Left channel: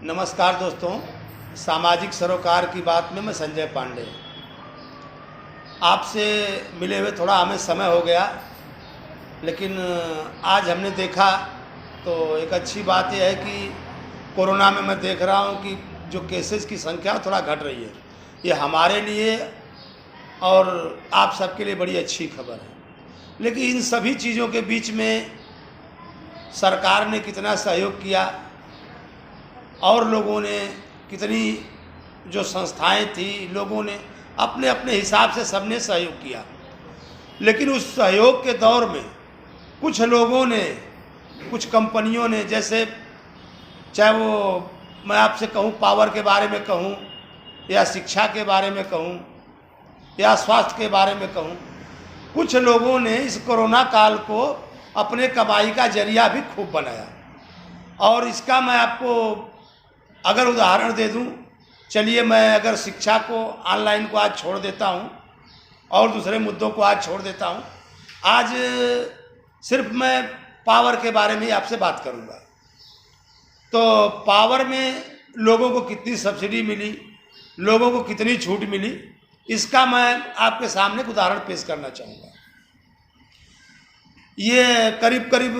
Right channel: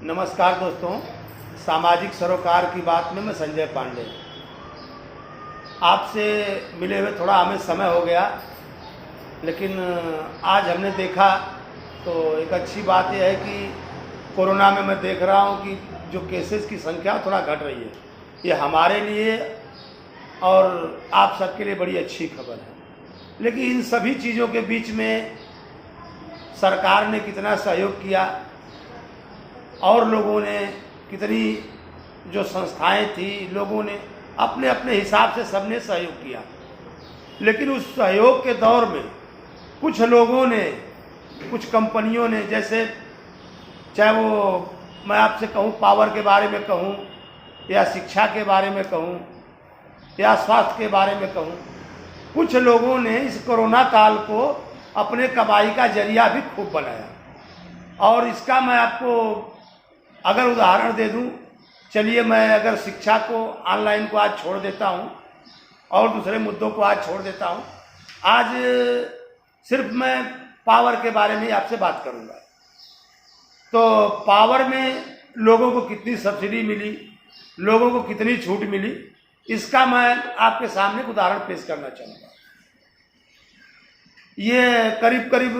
नमस्कार दोस्तों, सामाजिक सरोकार की बात में मैं संजय पांडे। आपसे मिले हुए थोड़ा हमें समय हो गया, लेकिन आज हमने देखा तो एक अच्छी बात यह है कि कोरोना में मैं देख रहा हूँ कि जो केसेस की संख्या थोड़ा घट रही है। ये हमारे लिए और आप सबके लिए बड़ी अच्छी खबर है। लेकिन इन सभी चीज़ों के बीच में सरकार ने कितना सहयोग किया और लोगों ने कितनी, जो संस्थाएं थी, लोगों ने अपने अपने हिसाब से सबने सहयोग किया। लेकिन उस सहयोग के दौर में कुछ लोगों ने, कुछ कंपनियों ने, जैसे चाहे वो मैं आपसे कहूँ पावर के बारे में कहूँ या शिक्षा के बारे में कहूँ या स्वास्थ्य के बारे में कहूँ, कुछ लोगों ने इस कोरोना काल को अपने कमाई का जरिया भी खूब बनाया। और इसका मैं आपको अगर उदाहरण दे दूं, चलिए मैं अगर शिक्षा को, ऑनलाइन को आज छोड़ देता हूं और दूसरे मुद्दों को आज छोड़ देता हूं, आज सिर्फ मैं पावर के बारे में आपसे बात करूंगा। तो पावर में लोगों को कितनी सब्सिडी मिली, लोगों को कितनी छूट मिली, इसका मैं आपके सामने एक उदाहरण पेश करना चाहूँगा। ये करीब करीब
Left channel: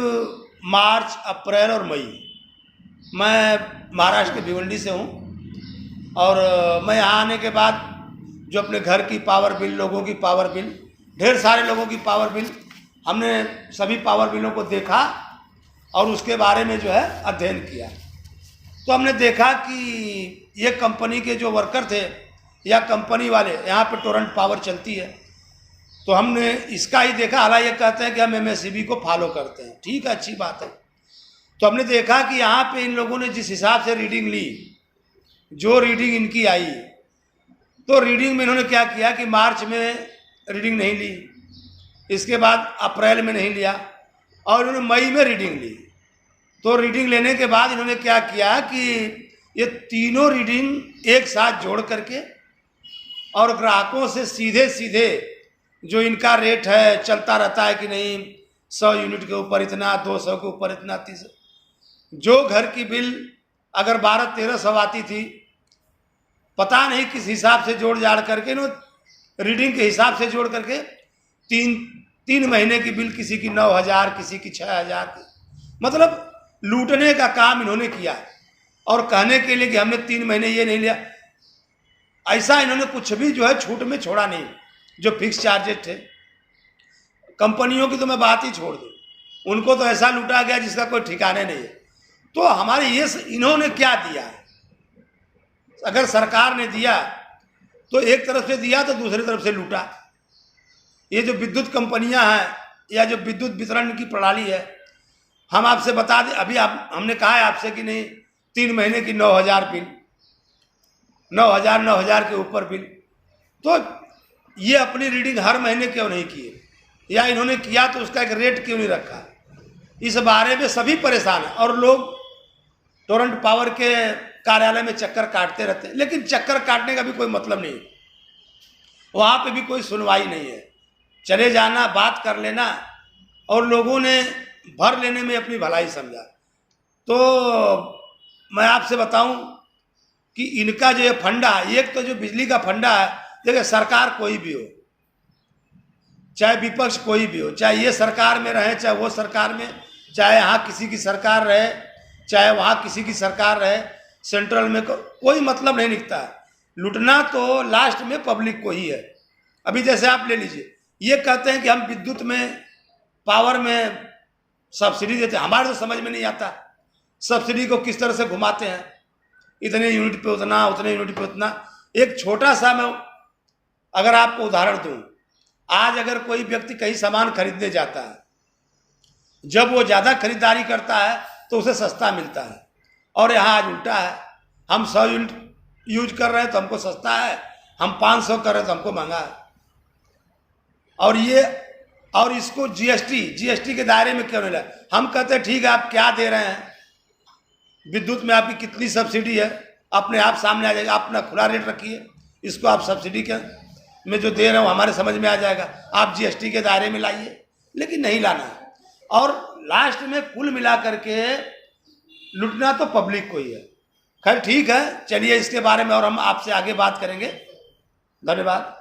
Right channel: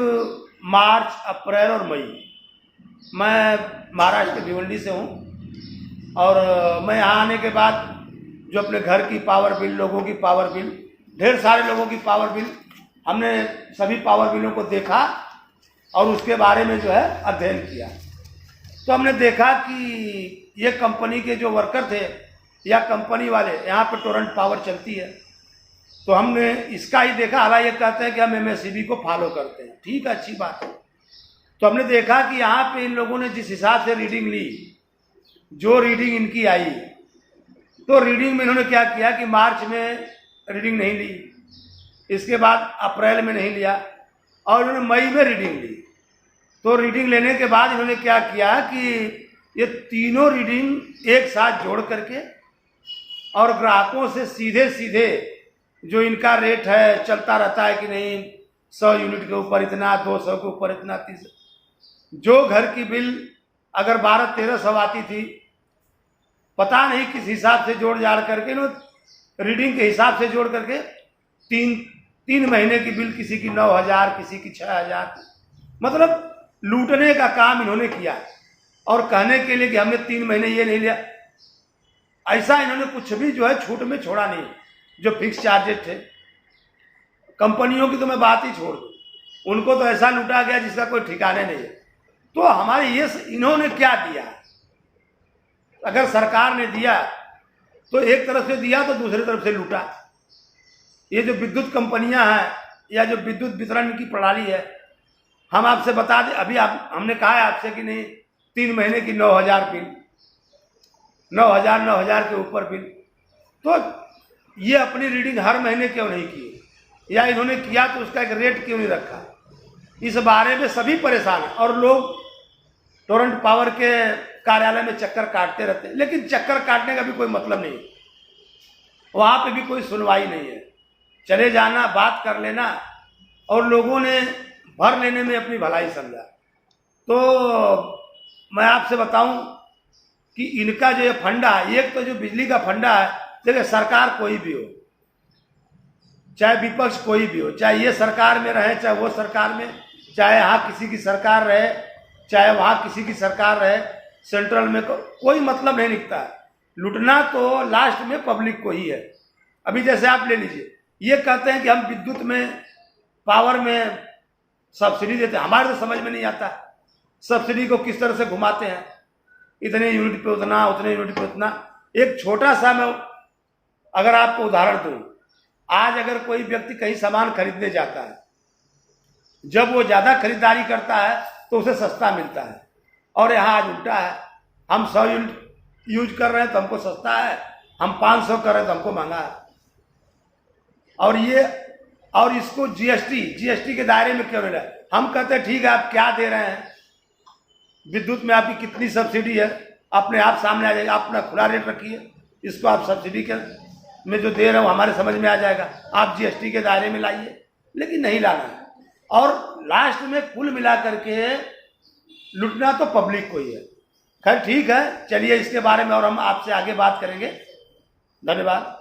मार्च, अप्रैल और मई, मैं महाराष्ट्र के भिवंडी से हूँ और मैं यहाँ आने के बाद जो अपने घर की पावर बिल, लोगों की पावर बिल, ढेर सारे लोगों की पावर बिल, हमने सभी पावर बिलों को देखा और उसके बारे में जो है अध्ययन किया। तो हमने देखा कि ये कंपनी के जो वर्कर थे या कंपनी वाले, यहाँ पे टोरेंट पावर चलती है, तो हमने इसका ही देखा। हालांकि ये कहते हैं कि हम एमएससीबी को फॉलो करते हैं, ठीक है, अच्छी बात है। तो हमने देखा कि यहाँ पे इन लोगों ने जिस हिसाब से रीडिंग ली, जो रीडिंग इनकी आई, तो रीडिंग में इन्होंने क्या किया कि मार्च में रीडिंग नहीं ली, इसके बाद अप्रैल में नहीं लिया और इन्होंने मई में रीडिंग ली। तो रीडिंग लेने के बाद इन्होंने क्या किया कि ये तीनों रीडिंग एक साथ जोड़ करके और ग्राहकों से सीधे सीधे जो इनका रेट है, चलता रहता है कि नहीं, 100 यूनिट के ऊपर इतना, 200 के ऊपर इतना, 30, जो घर की बिल अगर 1200-1300 आती थी, पता नहीं किस हिसाब से जोड़ जाड़ करके, रीडिंग के हिसाब से जोड़ करके तीन महीने की बिल, किसी की 9000, किसी की 6000, मतलब लूटने का काम इन्होंने किया। और कहने के लिए कि हमने 3 महीने ये नहीं लिया, ऐसा इन्होंने कुछ भी जो है छूट में छोड़ा नहीं। जो फिक्स चार्जेस थे, कंपनियों की तो मैं बात ही छोड़ दूँ, उनको तो ऐसा लूटा गया जिसका कोई ठिकाने नहीं है। तो हमारे ये इन्होंने क्या दिया? अगर सरकार ने दिया तो एक तरफ से दिया तो दूसरी तरफ से लूटा। ये जो विद्युत कंपनियां हैं या जो विद्युत वितरण की प्रणाली है, हम आपसे बता दें, अभी हमने कहा है आपसे कि नहीं, 3 महीने की 9000 बिल, 9000 के ऊपर बिल। तो ये अपनी रीडिंग हर महीने क्यों नहीं किए, या इन्होंने किया तो उसका एक रेट क्यों नहीं रखा? इस बारे में सभी परेशान हैं और लोग टोरेंट पावर के कार्यालय में चक्कर काटते रहते हैं। लेकिन चक्कर काटने का भी कोई मतलब नहीं, वहाँ पे भी कोई सुनवाई नहीं है। चले जाना, बात कर लेना, और लोगों ने भर लेने में अपनी भलाई समझा। तो मैं आपसे बताऊं कि इनका जो ये फंडा, एक तो जो बिजली का फंडा है, देखिए सरकार कोई भी हो, चाहे विपक्ष कोई भी हो, चाहे ये सरकार में रहे चाहे वो सरकार में, चाहे यहाँ किसी की सरकार रहे चाहे वहाँ किसी की सरकार रहे, सेंट्रल में कोई मतलब नहीं निकता। लूटना तो लास्ट में पब्लिक को ही है। अभी जैसे आप ले लीजिए, ये कहते हैं कि हम विद्युत में, पावर में सब्सिडी देते हैं, हमारे तो समझ में नहीं आता सब्सिडी को किस तरह से घुमाते हैं, इतने यूनिट पे उतना, उतने यूनिट पे उतना। एक छोटा सा मैं अगर आपको उदाहरण दूं, आज अगर कोई व्यक्ति कहीं सामान खरीदने जाता है, जब वो ज़्यादा खरीदारी करता है तो उसे सस्ता मिलता है, और यहाँ आज उल्टा है, हम 100 यूनिट यूज कर रहे हैं तो हमको सस्ता है, हम 500 कर रहे हैं तो हमको महंगा है। और इसको जीएसटी के दायरे में क्यों नहीं लाए? हम कहते हैं ठीक है, आप क्या दे रहे हैं, विद्युत में आपकी कितनी सब्सिडी है, अपने आप सामने आ जाएगा। आप अपना खुला रेट रखिए, इसको आप सब्सिडी के में जो दे रहे हो हमारे समझ में आ जाएगा, आप जीएसटी के दायरे में लाइए। लेकिन नहीं लाना है, और लास्ट में कुल मिला करके लूटना तो पब्लिक को ही है। खैर ठीक है, चलिए इसके बारे में और हम आपसे आगे बात करेंगे। धन्यवाद।